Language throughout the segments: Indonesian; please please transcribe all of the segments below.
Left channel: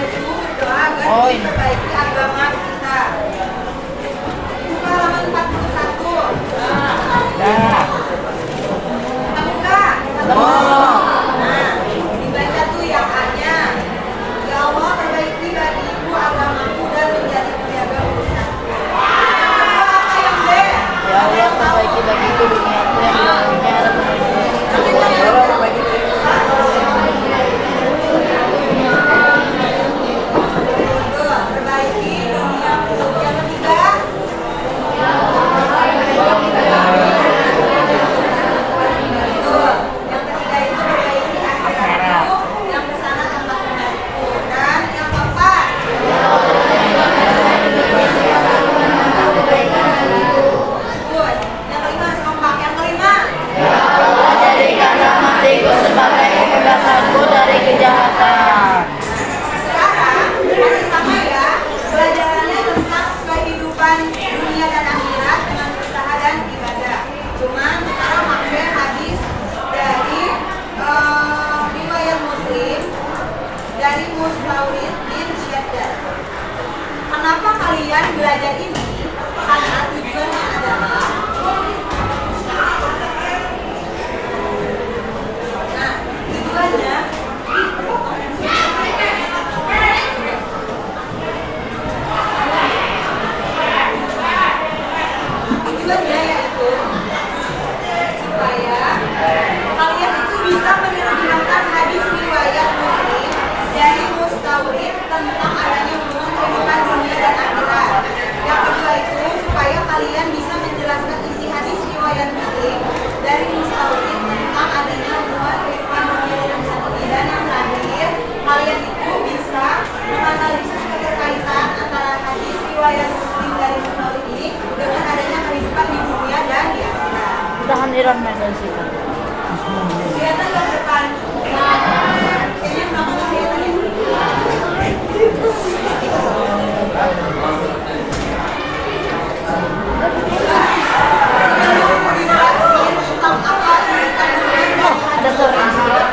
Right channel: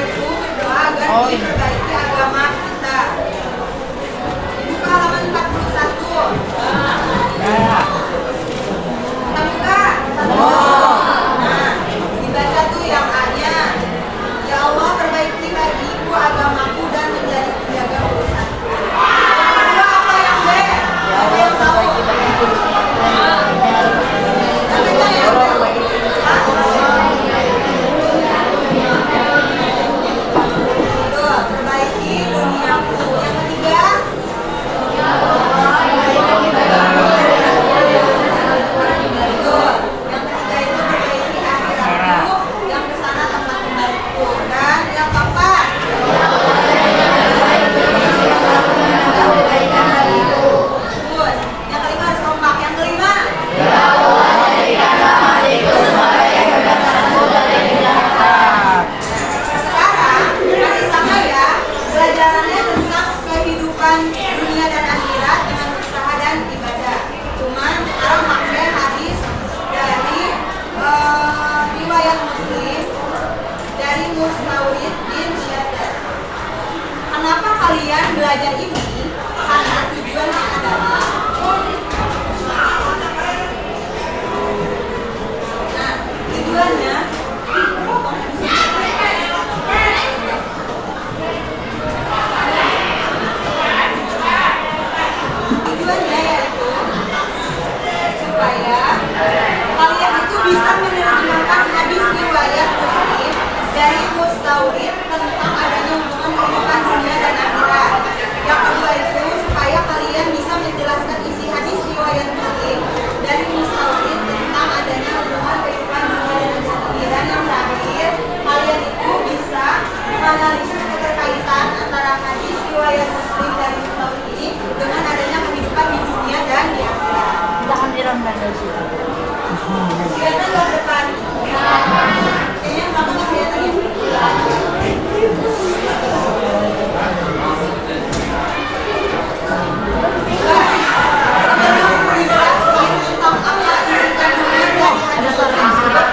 itu berdoa agar diperbaiki agama kita. Buka halaman 41. Ketemu nggak? Nah, dibaca tuh yang A-nya. Ya Allah, perbaiki bagiku agamaku dan menjadi penjaga urusanku. Kedua apa yang B? Siapa yang tahu? Perbaiki duniaku. Yang ketiga, yang ketiga itu perbaiki akhiratku, yang kesana tempat kembaliku. Dan yang keempat, good. Yang kelima harus kompak. Yang kelima, sekarang masih sama ya, pelajarannya tentang kehidupan dunia dan akhirat dengan usaha dan ibadah. Cuman sekarang maksudnya hadis dari riwayat Muslim dari Mustaurid bin Syaddad. Kenapa kalian belajar ini? Karena tujuannya adalah tujuannya yaitu supaya kalian itu bisa menerjemahkan hadis riwayat Muslim dari Mustaurid tentang adanya hubungan kehidupan dunia dan akhirat. Yang kedua itu supaya kalian bisa menjelaskan isi hadis riwayat Muslim dari Mustaurid tentang adanya hubungan kehidupan dunia dan akhirat. Dan yang terakhir, kalian itu bisa menganalisis keterkaitan antara hadis riwayat Muslim dari Mustaurid ini dengan adanya kehidupan di dunia dan di akhirat. Kelihatan ke depan. Kayaknya kenapa nggak kelihatan ya? Sebelum dijelasin tentang apa isi kandungan dari hadis tersebut,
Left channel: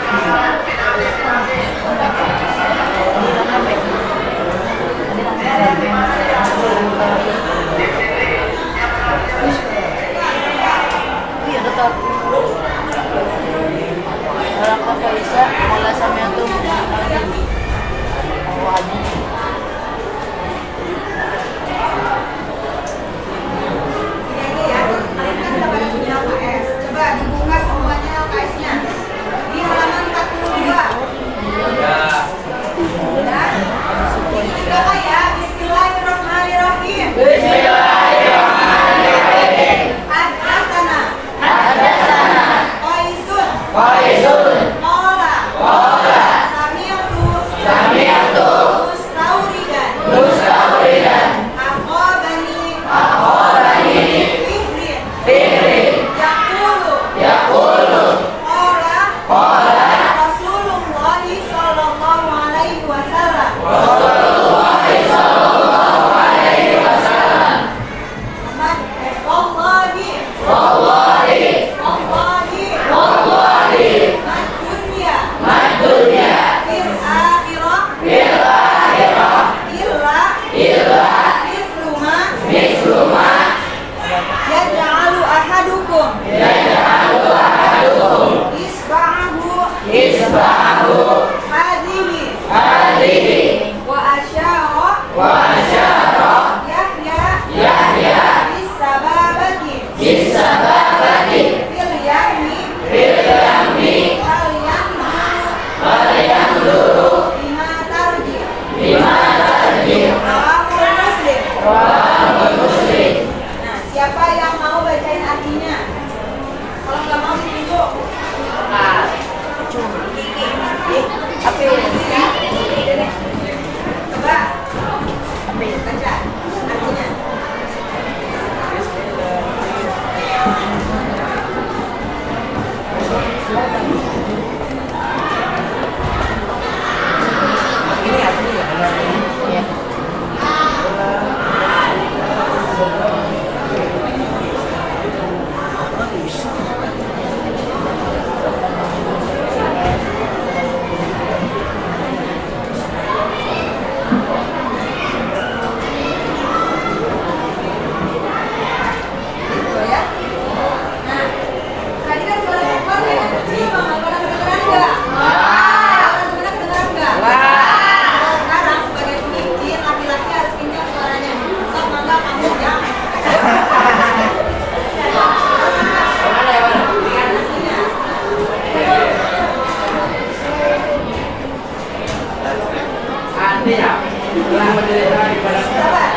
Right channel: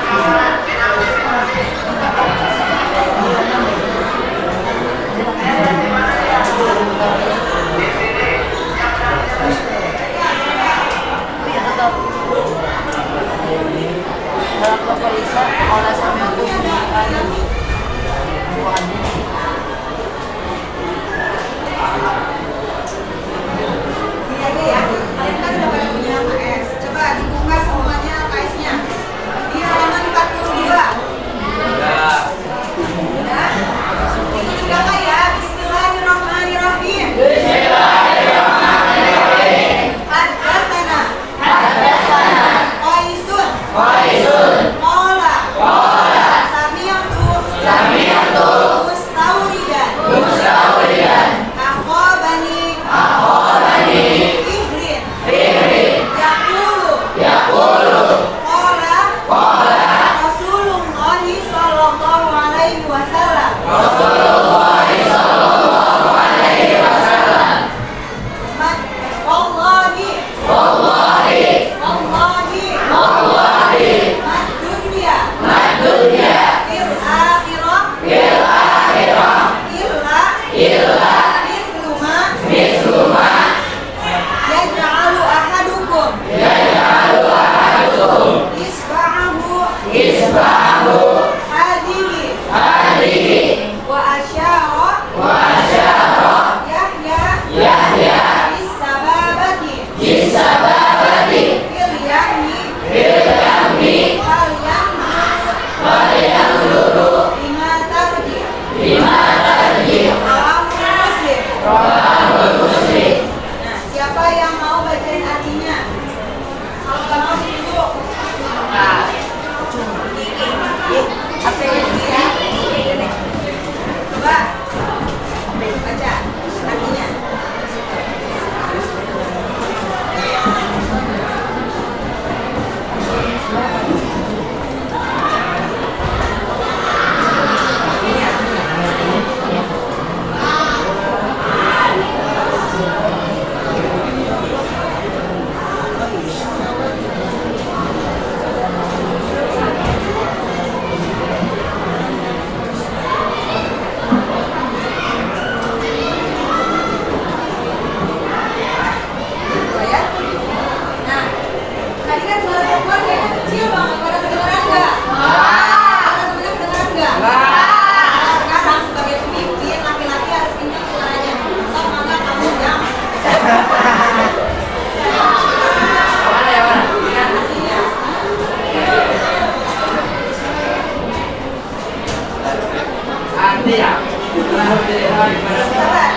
artinya telah menjadikan kepada Sabar.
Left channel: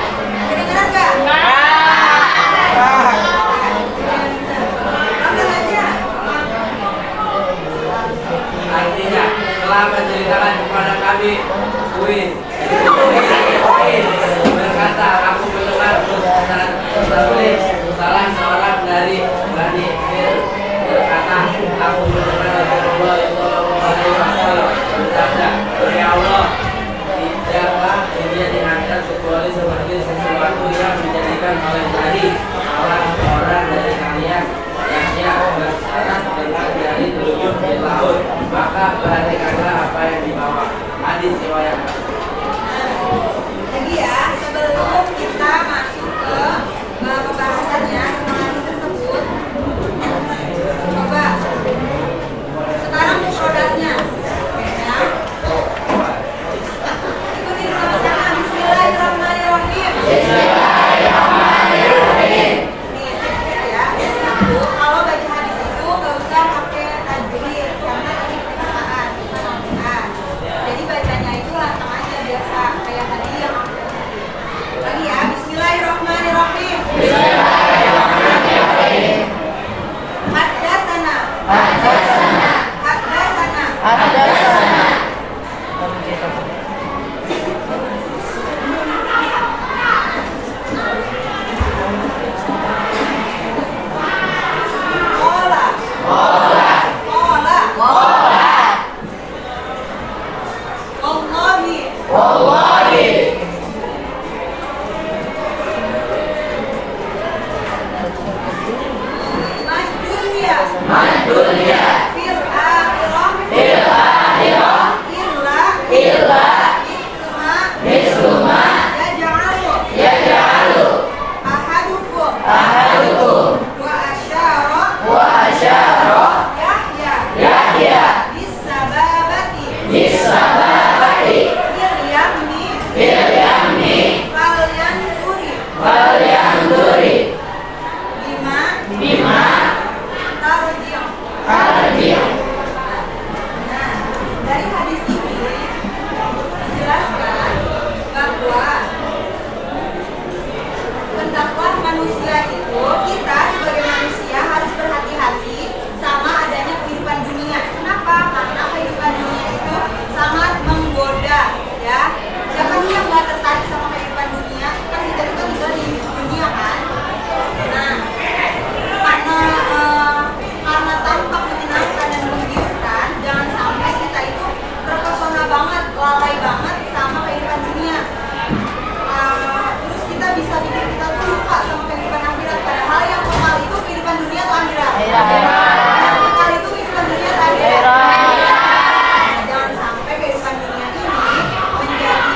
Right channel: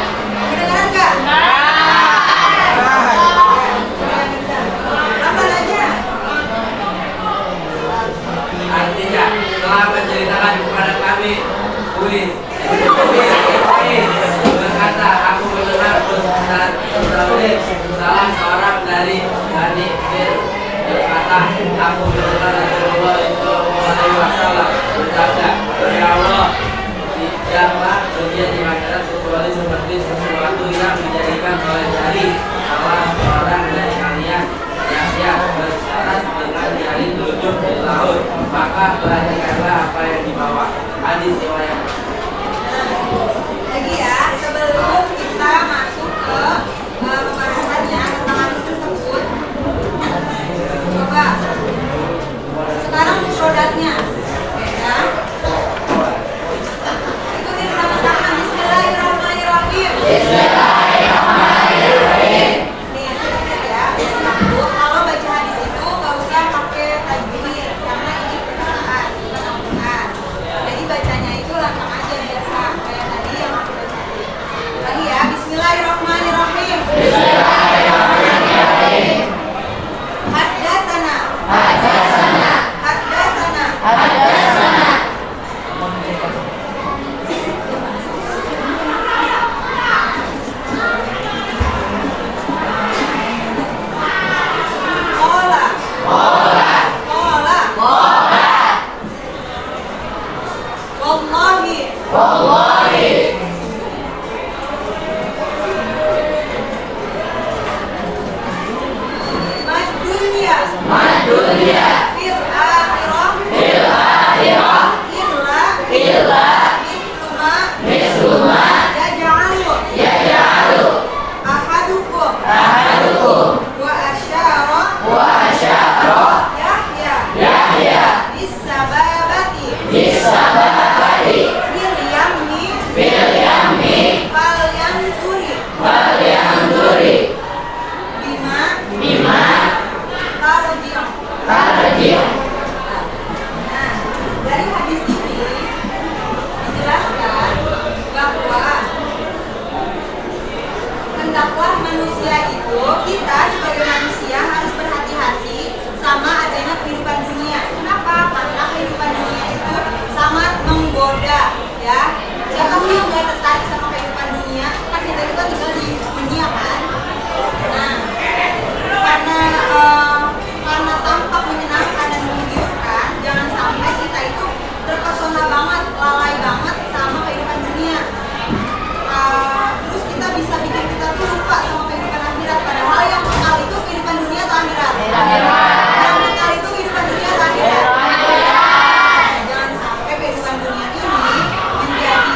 Kedengaran nggak? Apa aja? artinya telah menceritakan kepada kami Uin berkata aku mendengar pesan Taurat salah seorang dari Bani Israil berkata aku mendengar Rasulullah SAW bersabda ya Allah tidaklah dunia di akhirat kecuali seperti sesuatu yang dijadikan oleh jari salah seorang dari kalian yang bersyarat dengan jari telunjuk di laut maka perhatikanlah apa yang dibawa. Hadis riwayat. Lagi ya, sebelum kita masuk ke pembahasannya tentang hadis tersebut, coba sekarang mufradatnya, ya. Ikutin sama-sama. Bismillahirrahmanirrahim. Bismillahirrahmanirrahim. Nih, sedikit ya. Satu, kalau baca hadis itu nggak usah pakai tajwid karena ini perkataan, bukan Al-Quran. Jadi bacanya itu lantang aja biasa kayak tadi yang kita tadi. Lagi ya, Bismillahirrahmanirrahim. Bismillahirrahmanirrahim. Haddatsana. Haddatsana. Haddatsana. Haddatsana. Qala. Qala. Qala. Qala. Wallahi. Wallahi. Madunya. Madunya. Fil akhirah. Fil akhirah. Illa. Misluma. Misluma. Yaj'alu. Yaj'alu. Ahadukum. Ahadukum. Wa asyara. Wa asyara. Yahya. Yahya. Bisababati. Bisababati. Fil yamni. Fil yamni. Falyanduri. Falyanduri. Bima. Bima. Tarji'u. Tarji'u. Nah, dari hadis ini dijelaskan bahwa hendaklah manusia itu, kita sebagai manusia harus berhati-hati sama adanya kehidupan dunia. Kenapa? Karena kehidupan dunia itu sangat menggoda, ya. Siapa sih yang nggak tertarik sama kehidupan dunia? Kan kita itu kan tinggal di dunia kan. Nah, karena tampak menyenangkan dan menggiurkan, jangan sampai kita itu terpesona banget, lalai banget sama kehidupan dunia. Terus kita bisa bikin kita tuh lupa sama kehidupan akhirat. Padahal yang kekal itu kehidupan dunia atau akhirat? Yang kekal itu kehidupan dunia atau akhirat? Nah, jangan sampai kehidupan dunia ini menjadi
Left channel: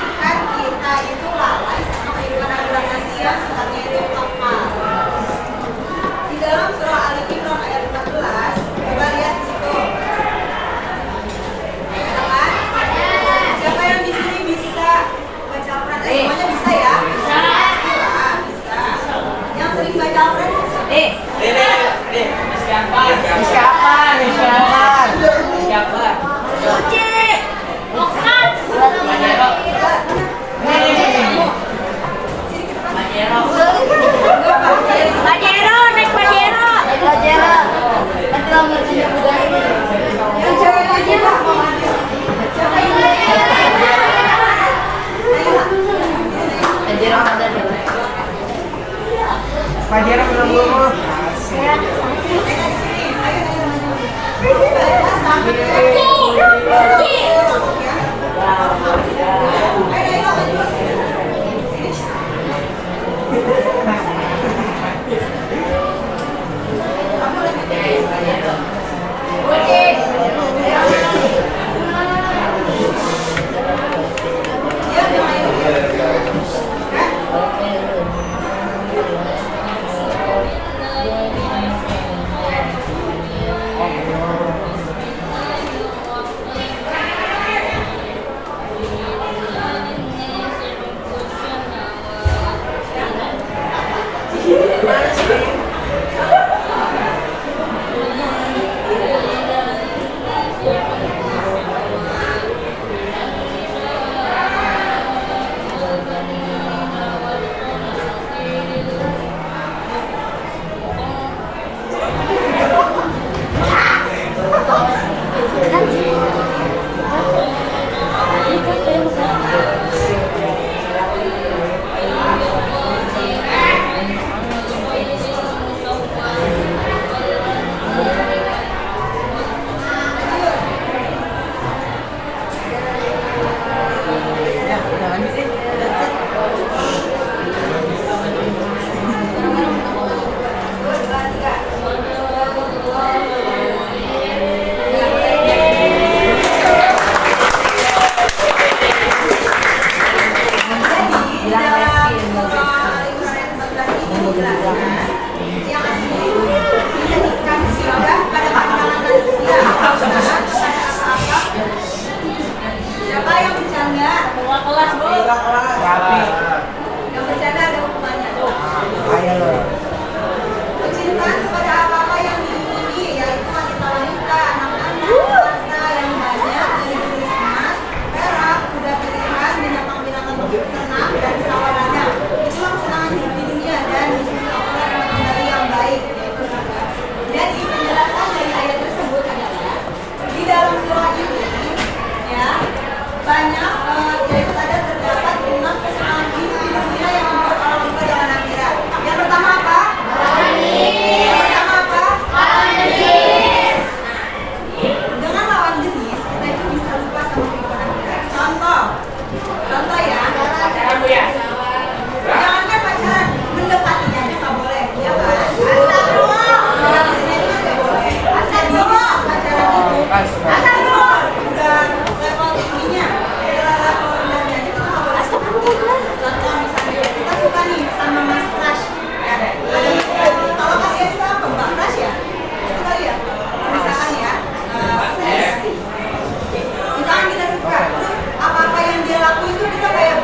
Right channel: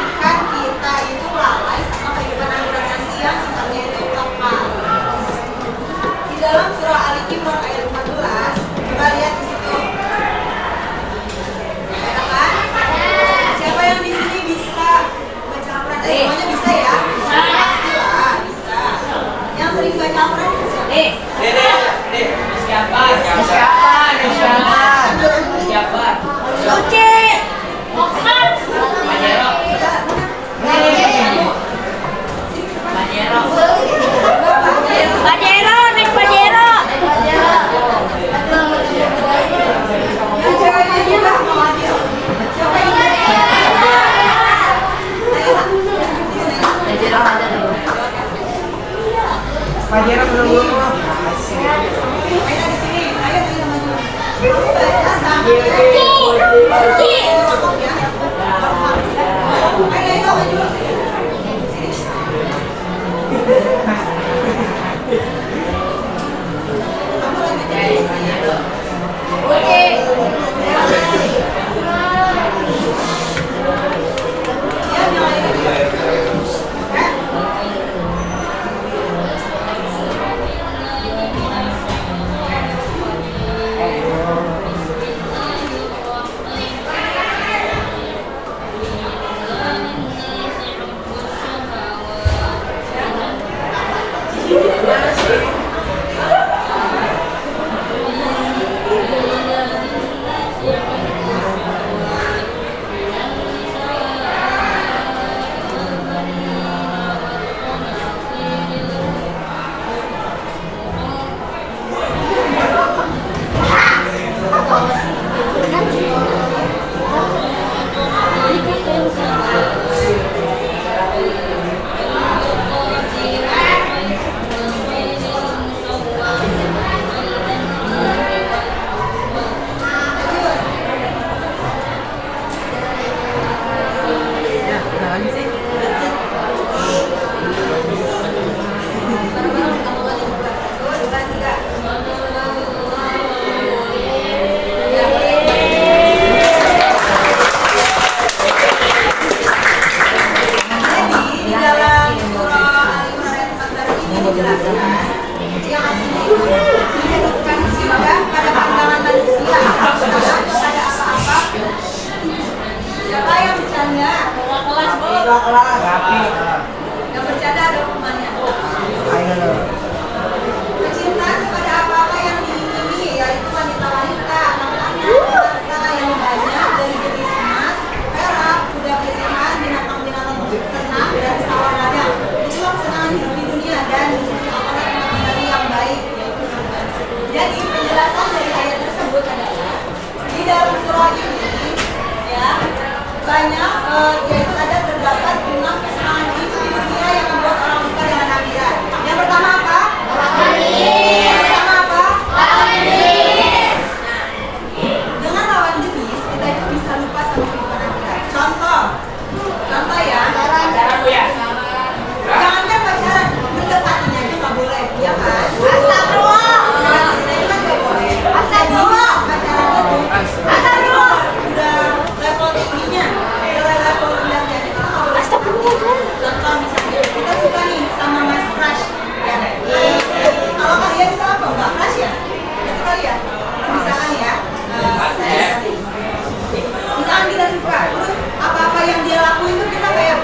kelas boleh. kelas. Yang bercanda ada hukumannya. Ayo. Kecintaan kepada apa-apa yang diingini, yaitu wanita-wanita, anak-anak, harta yang banyak dari jenis emas, perak, kuda pilihan, binatang-binatang ternak, dan sawalada. Itulah kesenangan hidup di dunia dan di sisi Allah yang kembali yang baik, yaitu surga. Jadi penjelasan dari ayat tersebut adalah di dalam surah ini, ya banyak yaitu ada terdapat 5 kesenangan hidup di dunia yang membuat orang lupa dengan akhirat. Yang pertama apa? Yang pertama apa? Dengan lawan jenis kita itu bisa lupa sama kehidupan akhirat. Contoh ya. Jangankan pacaran, mendekatinya aja nggak boleh, ya kan? Astagfirullah. Kita itu kan nggak boleh. Astagfirullah. Pacaran itu. Astagfirullah. Udah level tingginya, udah level rendahnya kita nggak boleh. Astagfirullah. Contoh misalnya kita suka nih sama Mas Crush, ya. Kalau kalian itu apa, Mbak Crush ya? Itu kali ya. Misalkan ya. Misalkan kita suka, terus apa-apa yang dia lakuin itu kita kayak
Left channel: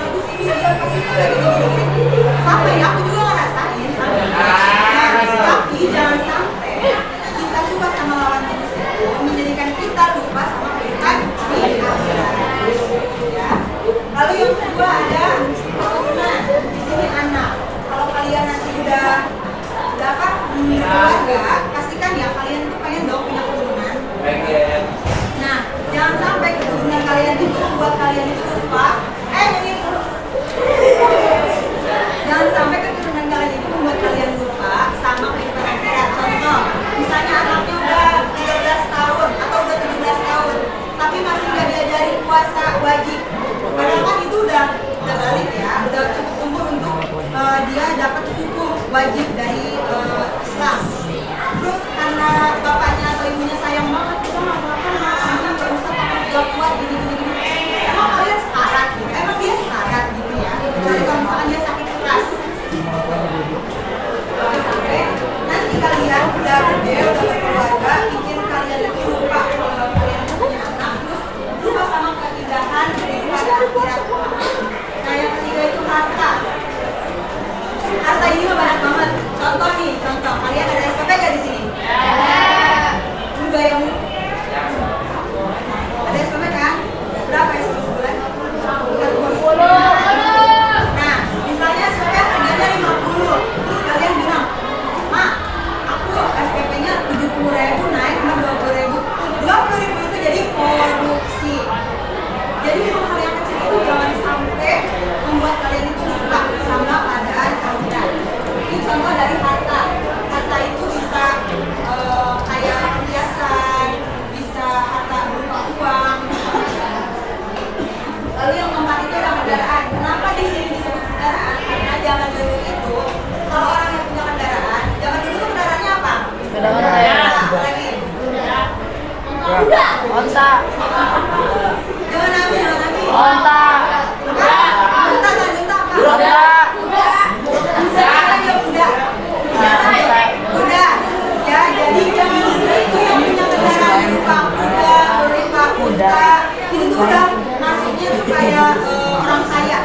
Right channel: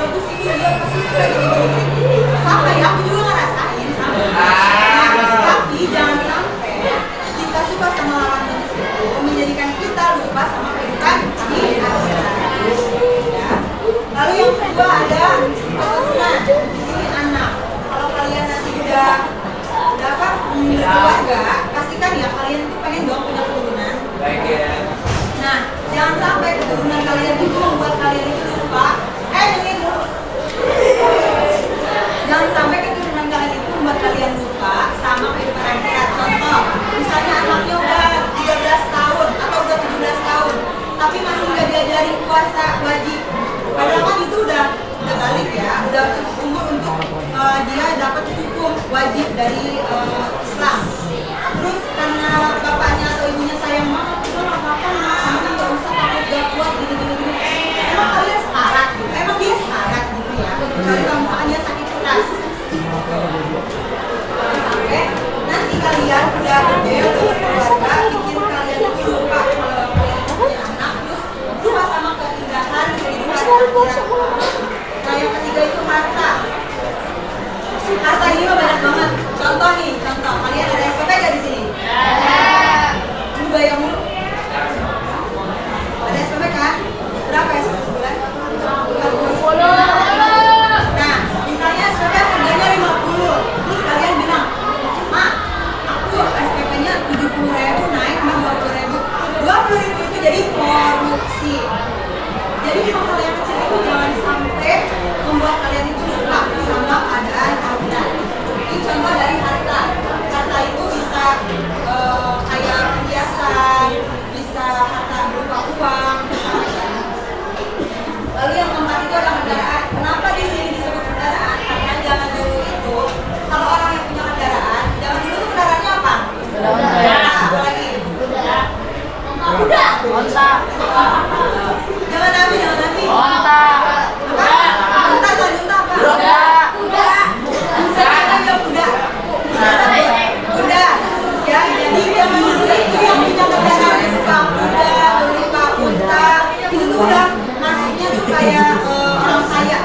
bagus ini dia pasti suka gini. Sampai ya, aku juga ngerasain sampai. Tapi jangan sampai kita suka sama lawan jenis itu menjadikan kita lupa sama kehidupan di akhirat. Ya. Lalu yang kedua ada keturunan. Di sini anak. Kalau kalian nanti udah apa keluarga, pastikan ya kalian itu pengen dong punya keturunan. Nah, jangan sampai keturunan kalian itu membuat kalian itu lupa. Jangan sampai keturunan kalian itu membuat kalian lupa sama kehidupan akhirat. Contoh, misalnya anaknya udah 13 tahun atau udah 17 tahun, tapi masih nggak diajarin puasa wajib. Padahal kan itu udah balik ya, udah cukup umur untuk dia dapat hukum wajib dari Islam. Terus karena bapaknya atau ibunya sayang banget, udah nggak apa-apa, nggak usah takut gak kuat gini. Emang kalian sekarat gitu? Emang dia sekarat gitu ya? Kecuali kalau misalkan dia sakit keras. Sampai nanti kalian udah gede, udah berkeluarga, bikin kalian itu lupa kalau kalian punya anak, terus lupa sama keindahan kehidupan. Nah yang ketiga itu harta. Harta ini mah banyak banget. Contoh kalian ada SPP nggak di sini? Lu bayang mulu? Ada SPP kan? Berapa SPP sebulan? 20. Nah, misalnya SPP harganya 50. Terus kalian bilang, "Mak, aku SPP-nya 70.000 naik cuma 20.000." 20.000 itu jadi korupsi. Jadi hal yang kecil itu jangan sampai membuat kalian itu lupa sama keadaan akhirat. Ini contoh dari harta. Harta itu bisa kayak perhiasan, bisa harta berupa uang, lalu yang keempat itu adalah kendaraan. Kenapa di sini disebut kendaraan? Karena zaman dulu itu kalau orang yang punya kendaraan, zaman dulu itu kendaraannya apa? Apalagi? Kuda. Jangan nabi. Apa? Unta apa? Kuda. Ya, jadi zaman dulu itu yang punya kendaraan berupa kuda, berupa unta, itu tuh udah masuknya tuh kayak orang kaya,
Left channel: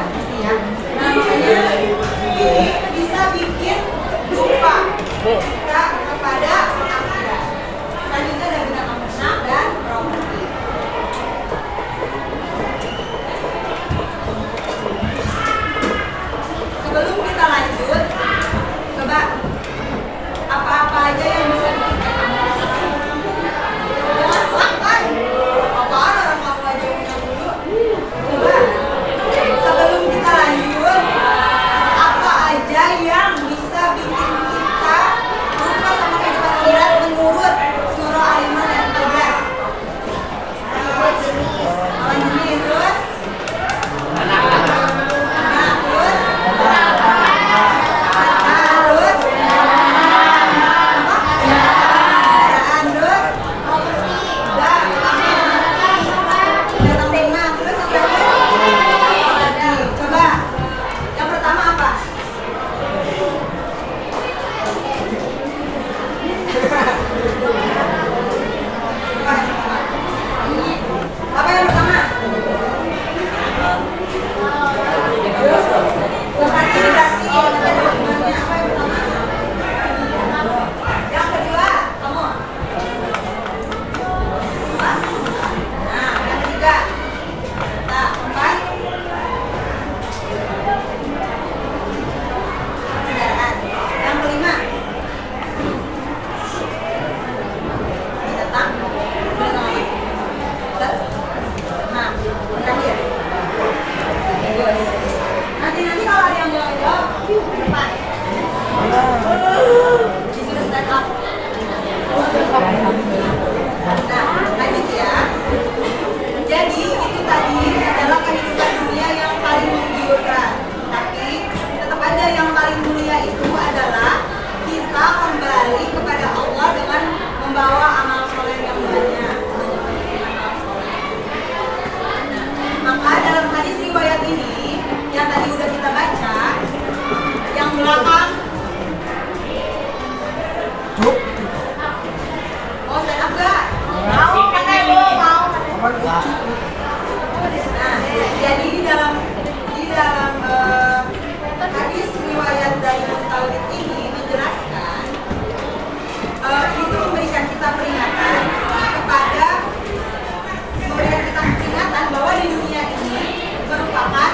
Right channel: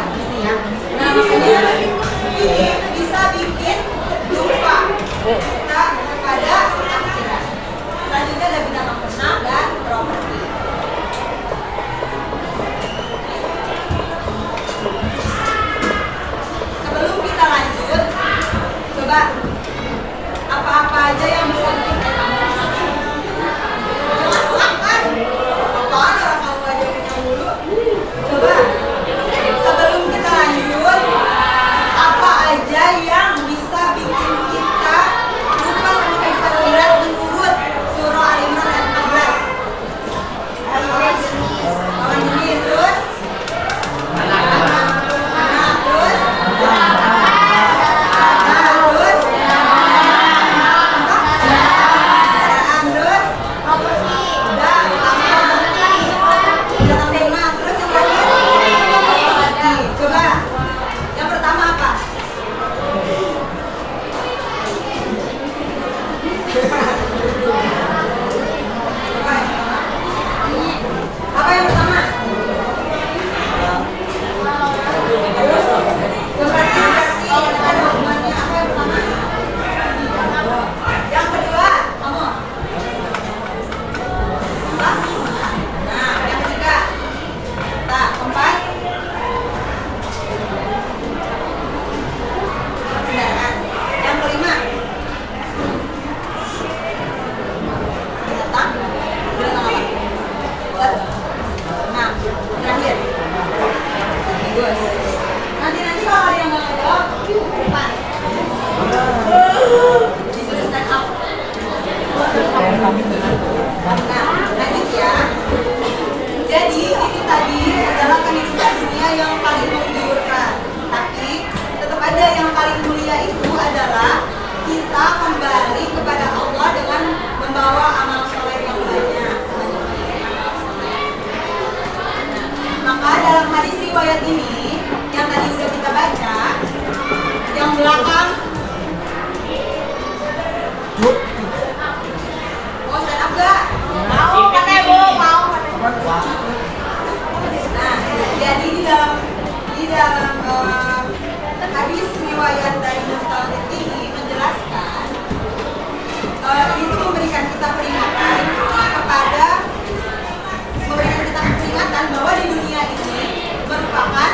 ya. Nah makanya ini bisa bikin lupa kita kepada akhirat. Selanjutnya ada binatang ternak dan properti. Sebelum kita lanjut, coba apa-apa aja yang bisa bikin kamu apaan orang kamu aja punya mulu. Coba riwayat ini yang tadi udah kita baca, yang belakang mau stand up gak? Mau pakai Bu, mau. Nah, jadi di dalam hadis riwayat dari Mustaurid ini menjelaskan itu memberikan kita peringatan bahwa di dunia ini merupakan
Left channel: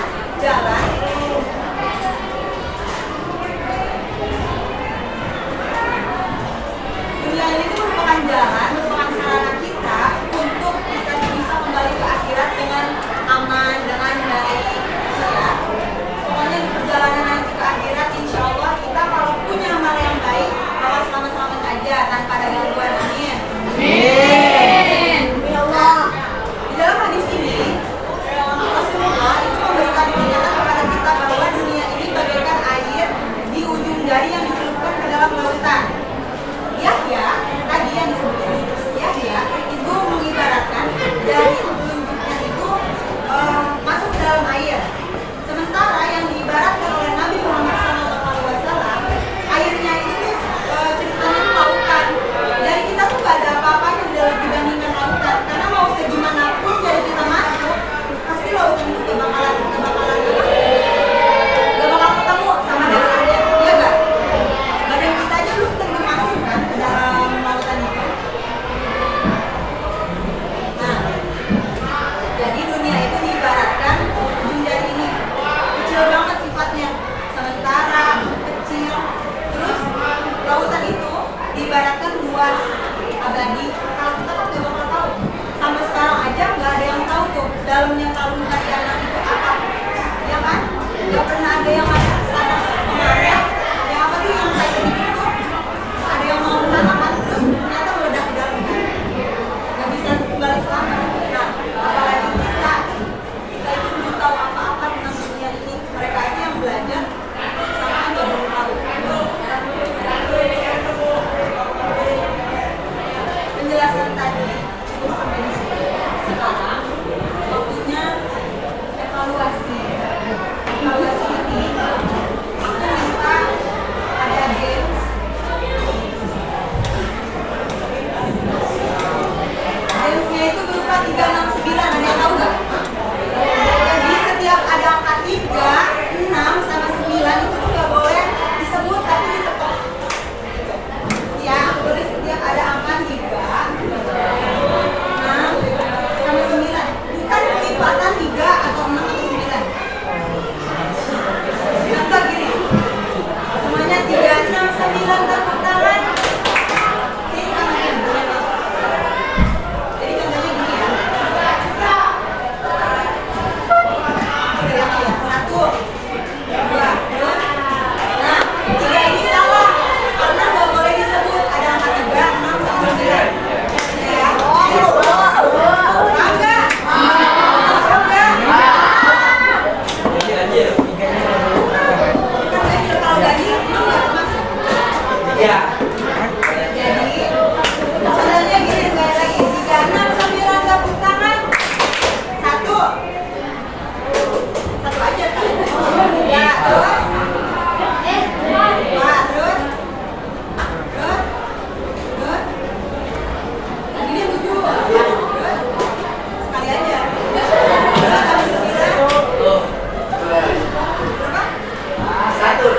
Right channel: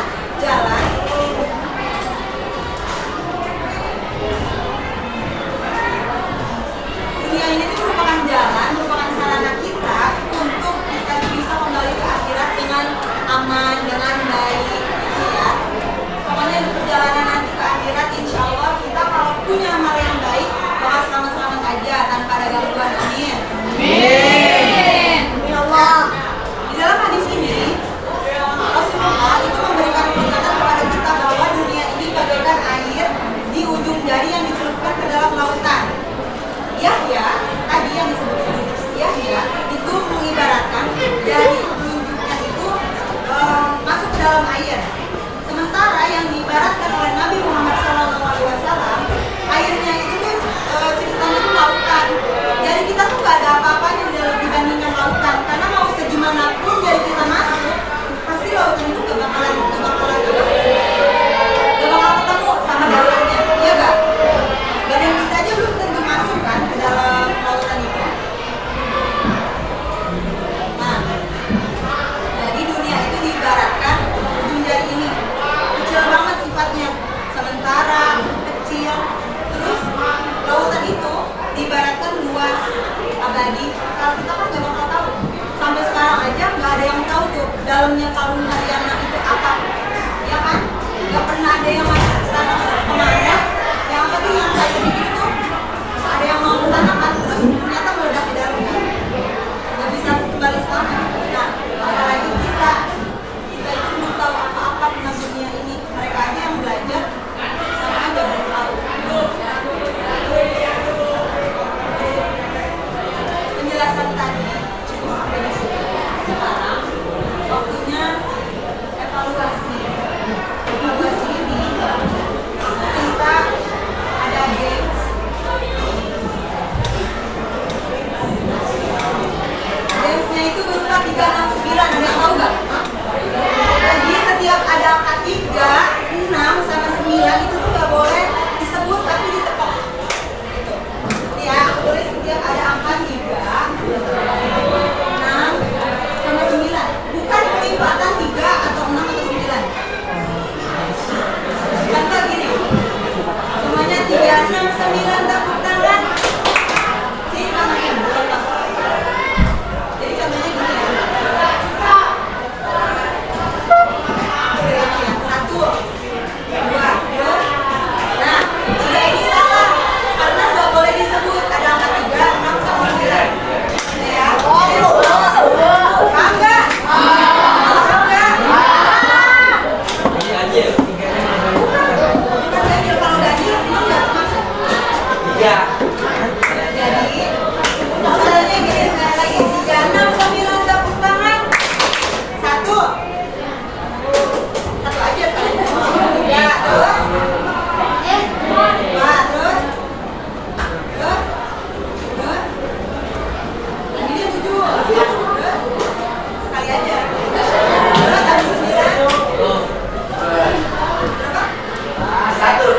jalan merupakan sarana kita untuk kita bisa kembali ke akhirat dengan aman, dengan baik, gitu ya. Pokoknya di perjalanan nanti ke akhirat, insya Allah kita kalau punya amal yang baik bakal selamat-selamat aja tanpa ada gangguan. Amin. Amin. Ya Allah. Di dalam hadis ini Rasulullah itu memberikan peringatan kepada kita bahwa dunia ini bagaikan air di ujung jari yang dicelupkan ke dalam lautan. Yahya tadi yang disebutkan Yahya itu mengibaratkan jari telunjuknya itu masuk ke dalam air. Sementara yang diibaratkan oleh Nabi Muhammad SAW, airnya itu ceritanya itu lautan. Jadi kita tuh gak ada apa-apanya dibandingkan lautan. Karena mau segimanapun jari kita masuk, pasti lautan itu gak bakal ketemu sama dasarnya, iya gak? Badan kita aja belum tentu masuk kan ke dalam lautan itu. Nah, jadi dunia itu diibaratkan ujung jari ini kecil banget sifatnya, sementara kecil. Terus lautan itu diibaratkan luas, abadi. Kalau kita kan nggak bakal tahu. Sampai sekarang aja nggak ada yang tahu tuh dalamnya kalung Mariana itu apa, ya kan? Nggak pernah ada yang masuk ke sana kemarin. Yang apa tuh yang saya bikin itu ada yang mau ke sana kan, terus ternyata meledak di dalam kan, nggak bisa kembali selamat. Nah, apalagi kita itu belum tahu apa-apa tentang dunia ini. Mereka aja yang belajar sama aja belum tahu. Penjelasan tadi cukup sampai di sini. Sekarang waktunya evaluasi. Evaluasi ini kita ada games. Gamesnya itu berupa 3, 6, 9. Ada yang tahu nggak? Jadi setiap ada angka 3, 6 sama 9 itu tuh nggak boleh disebut tapi ditepok. Ya, boleh setiap ada angka 3, 6 sama 9. Bukan pelipatan 3 atau 6 atau 9. Contoh gini, semuanya 3, 6, 9 tepuk tangan. Jadi tangannya contoh. Jadi contohnya gini ya. Satu, dua, terus. Nah, 3 ini salah karena nggak boleh disebut ada angka 3, 6 sama 9. Ya. Paham nggak? Paham nggak? Bukan ganjil, kalau ganjil itu nggak termasuk. Jadi, caranya gini sekali lagi, 3, 6, 9 tepuk tangan. Satu aja sekali. Ya, terus. Dua, terus. Ini kan 7. Terus. Sekali aja. Terus habis 9. Berapa? Satu.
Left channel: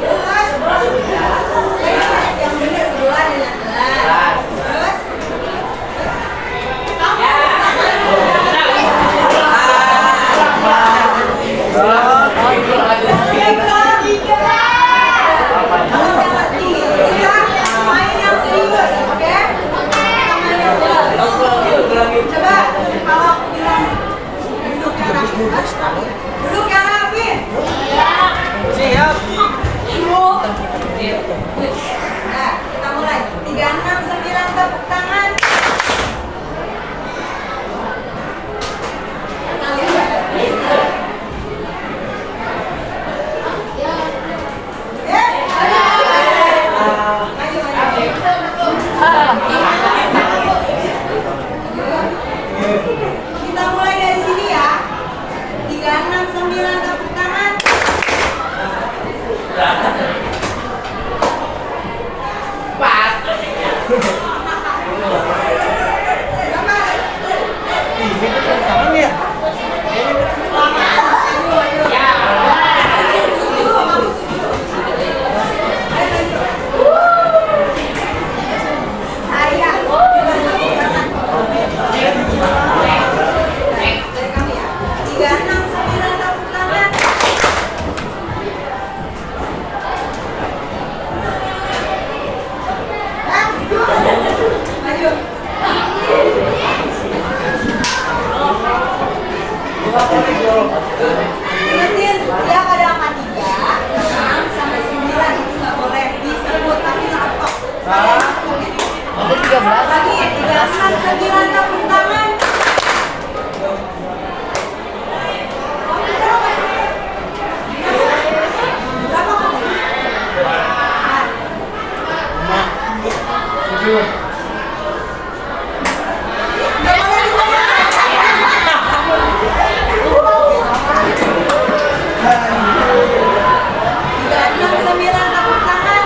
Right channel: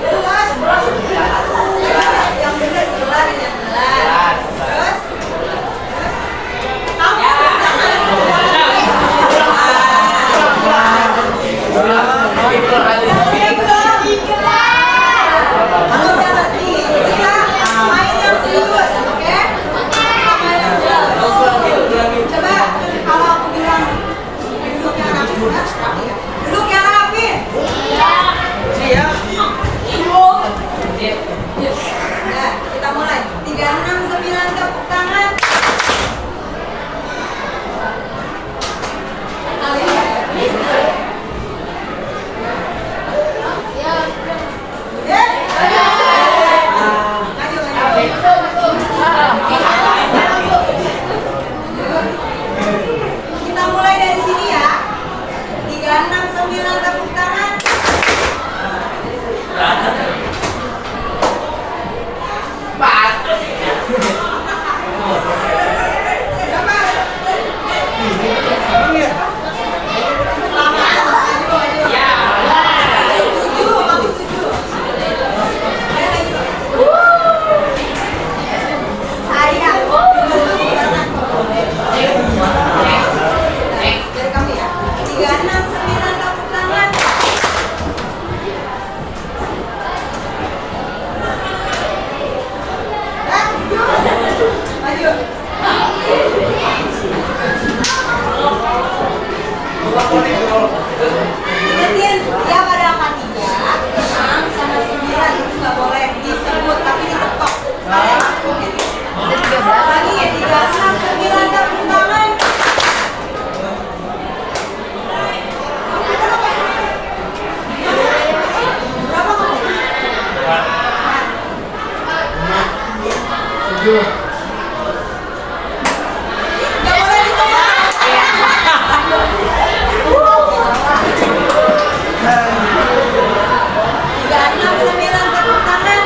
Terus. Yang benar 11 ya. Terus. Kamu kalau udah ngerti, kita main yang serius, oke? Kita main yang serius. Coba kalau aku bilang duduk yang rapi, harus rapi ya. Duduk yang rapi. Nah, kita mulai. 3, 6, 9 tepuk tangan. Kita mulai dari sini ya. 3, 369 tepuk tangan. 4. Dari kami ya. 369 tepuk tangan. Maju. Ingetin, yang ada angka 3, 6 sama 9 itu nggak boleh disebut tapi ditepok. Kalian oke? Lagi 369 tepuk tangan. Berapa kamu? Nggak boleh disebut. 369 tepuk tangan.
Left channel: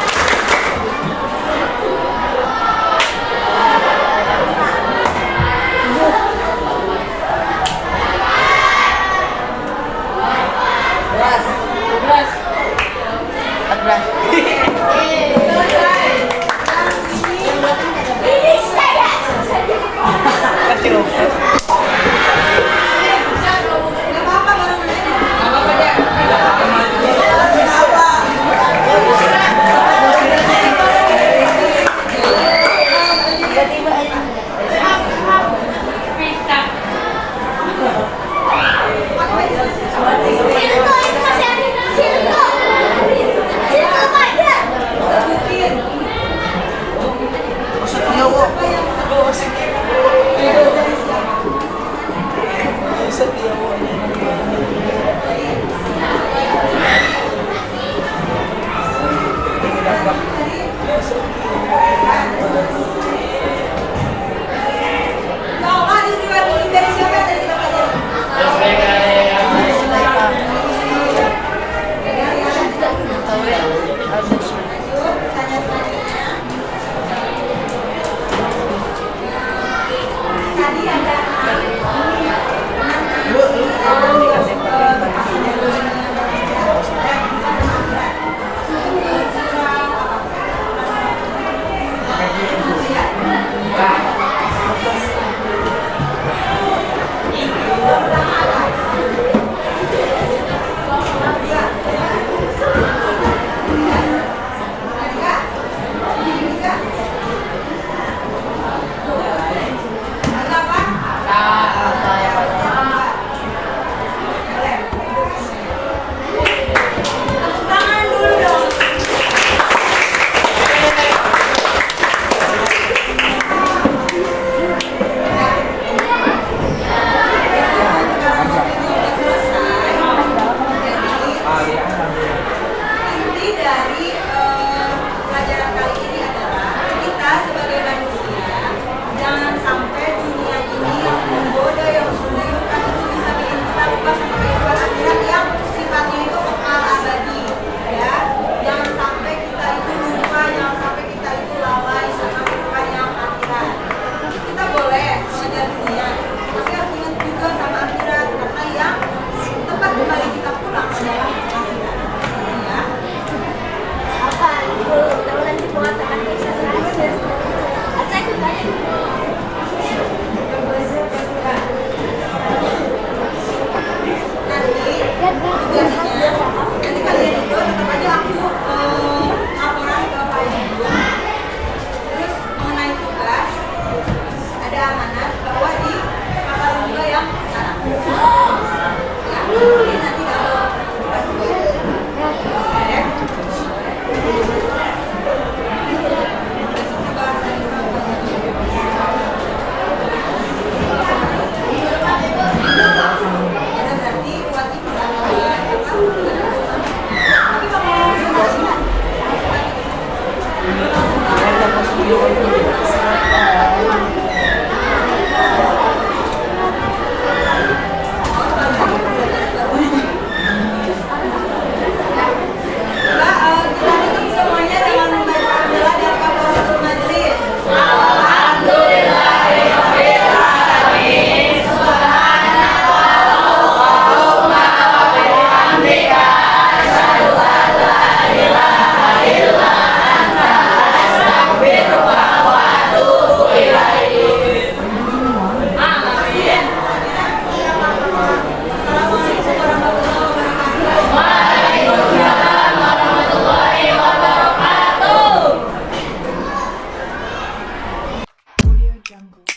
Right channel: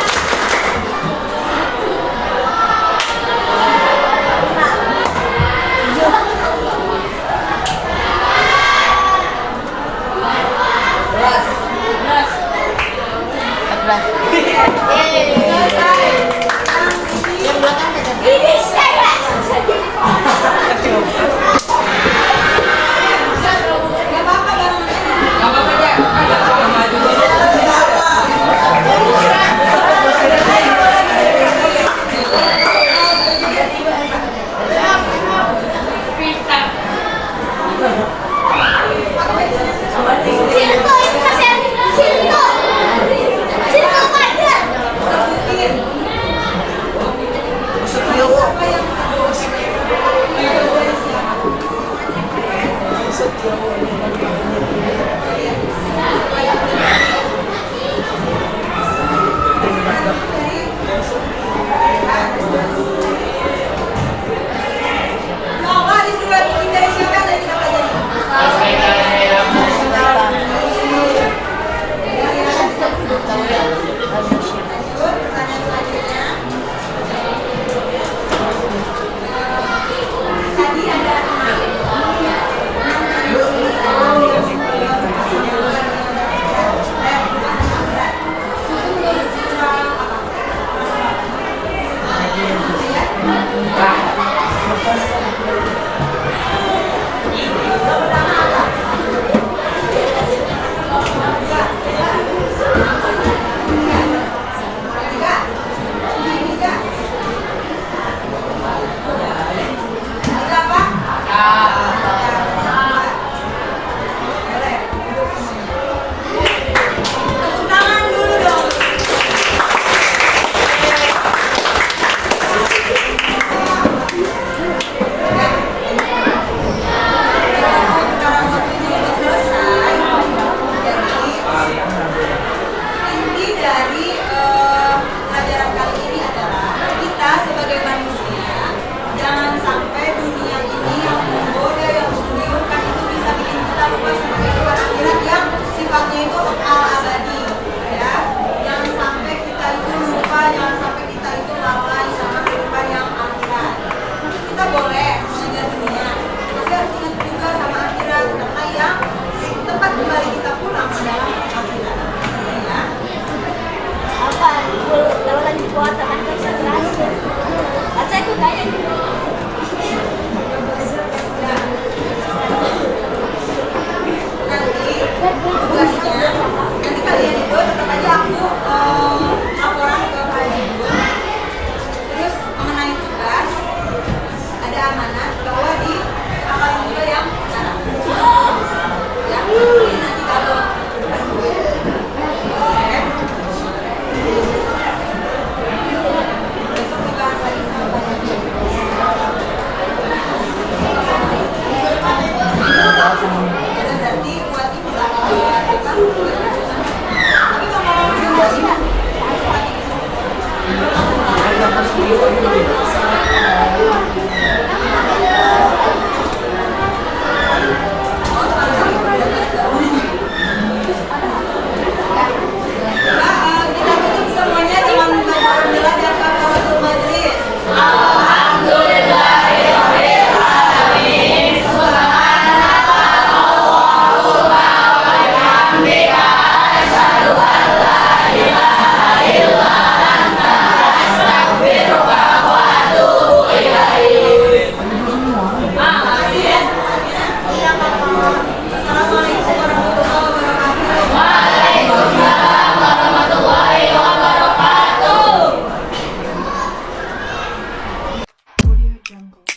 Selesai. Yang ini Jungle.